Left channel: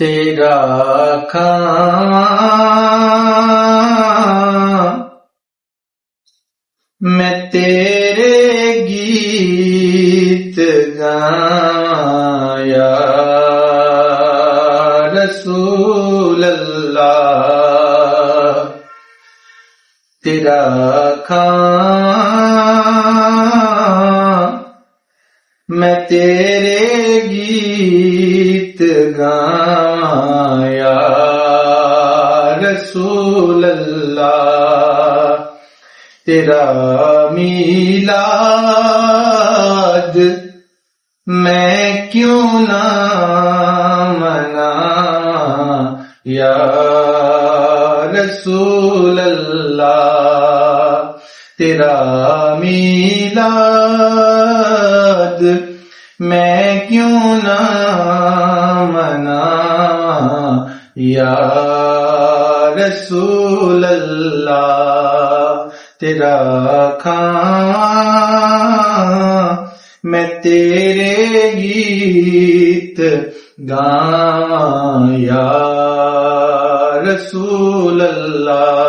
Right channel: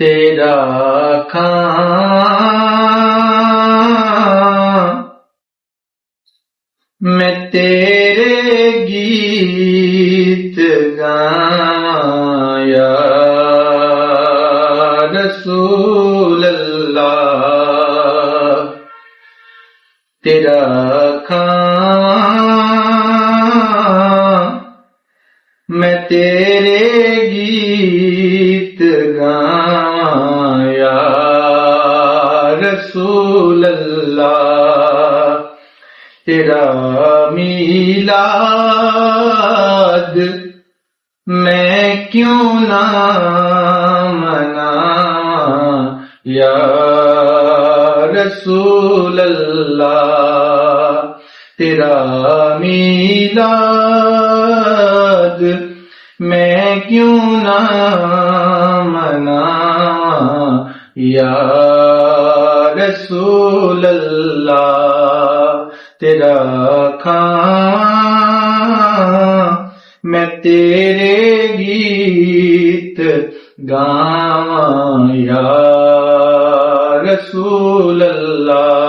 تیرا کھاں میں تیرے گیت گاواں یا رسول اللہ، تیرا کھاں میں تیرے گیت گاواں یا رسول اللہ، تیرا میلاد میں کیوں نہ مناواں یا رسول اللہ، تیرا میلاد میں کیوں نہ مناواں یا رسول اللہ، تیرا کھاں میں تیرے گیت گاواں یا رسول اللہ۔